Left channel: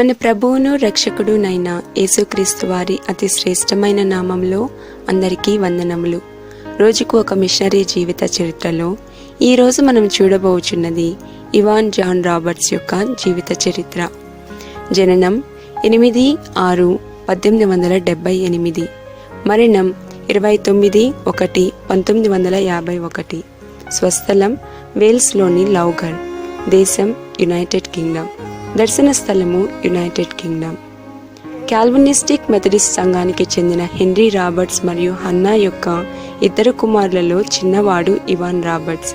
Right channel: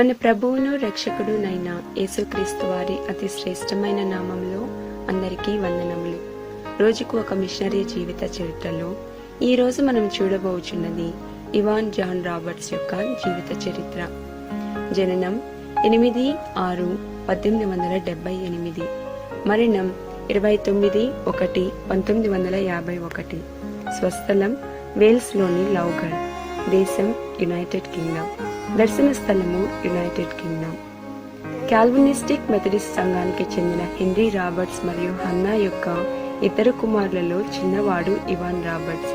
మన ప్రభువును రక్షకుడునైన యేసుక్రీస్తు వారి అతి శ్రేష్టమైన నామంలో అందరికీ వందనములు. రోజుకు ఒక మిషనరీ జీవిత చరిత్రలో ఈరోజు మనం చూడబోచున్నది ఇవాన్ జాన్ రాబర్ట్స్ యొక్క జీవిత చరిత్ర. జననం 8/6/1878, మరణం 29/1/1951, స్వస్థలం వేల్స్లోని లౌగర్, దేశం యునైటెడ్ కింగ్డమ్, దర్శన స్థలము యునైటెడ్ కింగ్డమ్. కాల్వినిస్టిక్ మెథడిస్ట్ సంఘానికి చెందిన హెన్రీ రాబర్ట్స్ మరియు హన్నా యొక్క ఇద్దరు కుమారులలో చిన్నవాడు ఇవాన్ రాబర్ట్స్.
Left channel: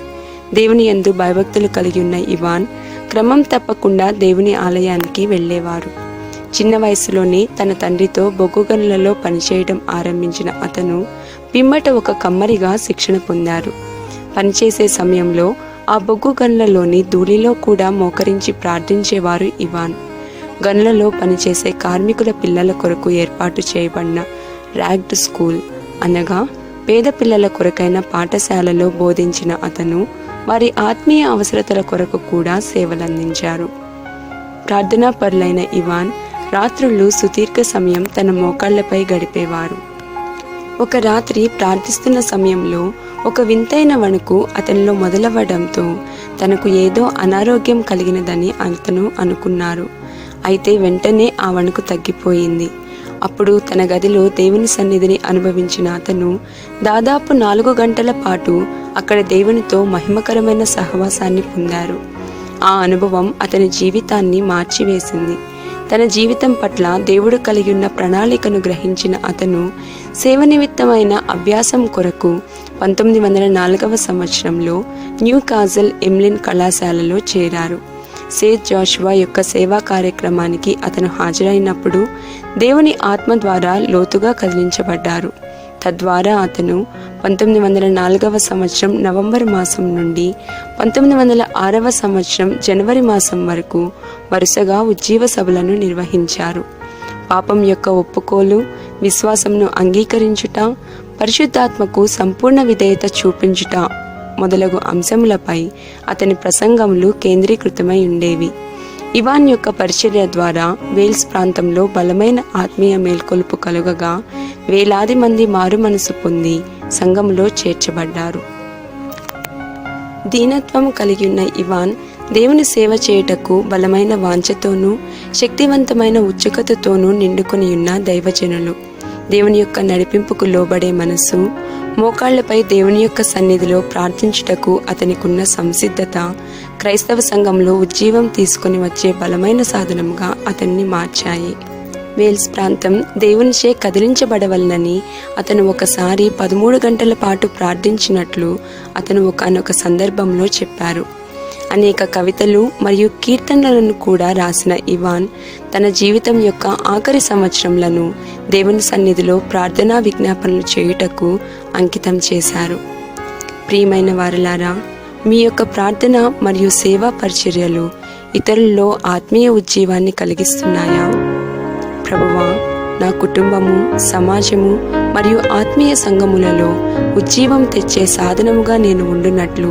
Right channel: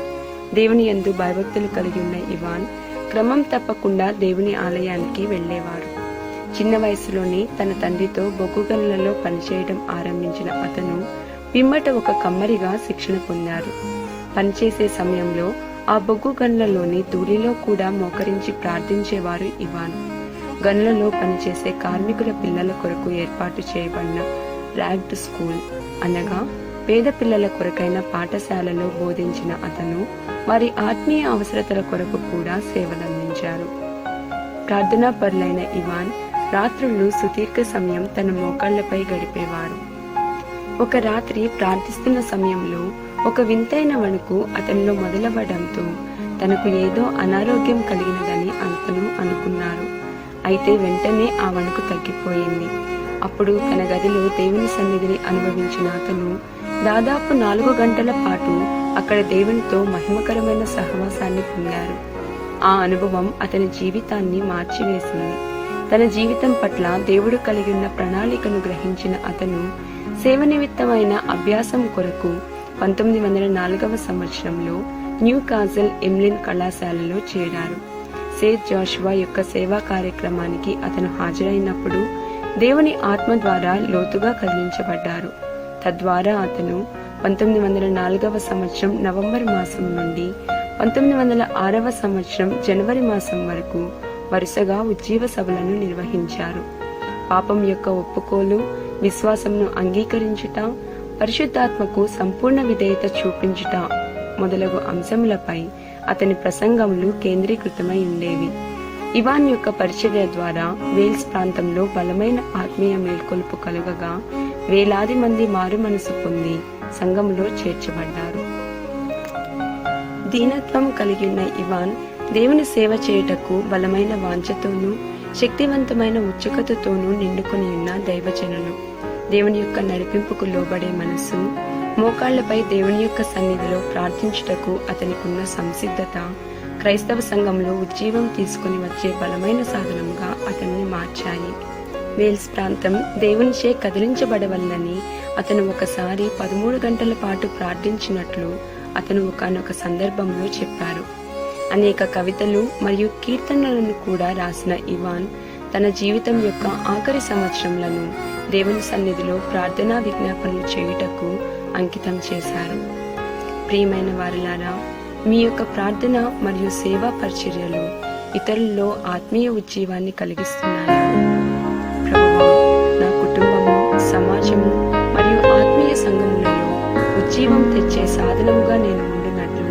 దేవుని యందు భయభక్తులు కలిగి ఉన్న ఇవాన్ క్రమం తప్పకుండా దేవుని ఆలయానికి వెళ్ళేవారు. చిన్న వయసులోనే తన తండ్రితో బొగ్గు గనులలో పనిచేయడం ఆరంభించిన అతను పిమ్మట ఒక కమ్మరిగా శిక్షణ పొందారు. పనిచేసే సమయంలో ఆ బొగ్గు గనులలోని ధూళిలో కూడా మోకరించి ప్రార్థించేవారు ఇవాన్. గనులలో పనిచేసే కార్మికుల పిల్లల కొరకు ఏర్పాటు చేయబడిన ర్యాగ్డ్ స్కూల్ అనగా పేద పిల్లల కొరకైన పాఠశాలలో బోధించిన అతను వారి ఆత్మీయ అవసరతల కొరకు కూడా సేవలందించారు. ప్రార్థనా పరులైన ఇవాన్ రాత్రులు సుదీర్ఘ సమయం తన మోకాళ్లపై గడిపేవారు. ఒక రాత్రి ప్రార్థిస్తున్న సమయంలో ఒక వింతైన వణుకు అతనిలో మొదలవ్వడంతో తనకు ఏదో అనారోగ్యం కలిగినదని అతను అనుకున్నారు. అయితే వెంటనే ఆ వణుకు తగ్గిపోయింది. అప్పుడు తన గదిలో దేవుని సన్నిధిని అనుభవించిన అతను దాదాపు 4 గంటల పాటు అక్కడ దేవునితో మహిమకరమైన సహవాసాన్ని పొందారు. ఆ అనుభవం అతని జీవితాన్ని మార్చివేసింది. తన జీవితం పట్ల దేవుడు కలిగి ఉన్న ప్రణాళికను గ్రహించిన అతను సేవ నిమిత్తమైన అభ్యాసం కొరకు 1904 సంవత్సరంలో న్యూ కాజల్ ఎమ్లిన్ కళాశాలలో చేరారు. సేత్ జాషువా యొక్క సేవా కార్యక్రమానికి అతను హాజరైనప్పుడు దేవుని ఆత్మ ద్వారా లోతుగా కదిలించబడ్డారు. తద్వారా అతను 1904 సంవత్సరం నవంబర్ మాసం నుండి 1906 సంవత్సరం జనవరి మాసం వరకు వరుసగా ఉజ్జీవ సభలను నిర్వహించారు. పాపం యొక్క ఒప్పుకోలు, విశ్వాసంను అంగీకరించుట, పరిశుద్ధాత్మకు సంపూర్ణ విధేయత చూపించుట మొదలగు అంశములపై అతని ప్రసంగములు కేంద్రీకృతమై ఉండేవి. ఇవాన్ యొక్క పరిచర్య ద్వారా వేల్స్ ప్రాంతంలో బలమైన ఆత్మీయ మేల్కొలుపు కలుగగా వేలాది మంది మారు మనసు పొంది సంఘములో చేర్చబడ్డారు. దీనత్వం కలిగి ఉన్న ఇవాన్ దేవుని సేవ చేయుటకు బలమైన వాంఛతోనూ శక్తివంతమైన ఉత్సుకతతోనూ నిండుకొని ఉన్న దైవజనులు. దేవుని యొక్క నడిపింపుకు లోబడే మనసు, మోకాళ్లపై దేవుని యొక్క సన్నిధిలో ప్రార్థించుటకు అతనికున్న సంసిద్ధత క్రైస్తవ సంఘంలో ఉజ్జీవం తీసుకొని వచ్చే బలమైన సాధనముగా అతన్ని మార్చాయి. వేల్స్ ప్రాంతం దేవునిచే కదిలించబడవలనని అతను ఒకసారి 13 గంటల పాటు ప్రార్థించినట్లు అతను ఒకానొక సందర్భంలో చెప్పారు. అనేక కవితలు మరియు కీర్తనలను కూడా రాసిన ఇవాన్ తన జీవితం యొక్క ఆఖరి సంవత్సరములను దేవుని సన్నిధిలో ప్రార్థనా విజ్ఞాపనలు చేయుటకు అంకితం చేశారు. ప్రియమైన వారలారా, మీ యొక్క ప్రార్థన మరియు సేవా పరిచర్యలు ఇతరుల్లో ఆత్మీయ ఉజ్జీవాన్ని కలిగిస్తున్నాయా? ప్రభువా, నా కుటుంబము, సమాజము మరియు ఆత్మీయ సంఘములలో ఉజ్జీవం తెచ్చే సాధనముగా నేను ఉండునట్లు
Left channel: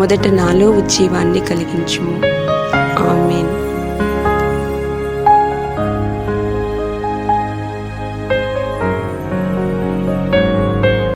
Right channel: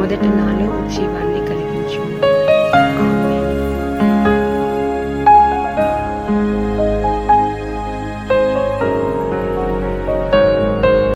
మొదట నాలో ఉజ్జీవాన్ని కలిగించు.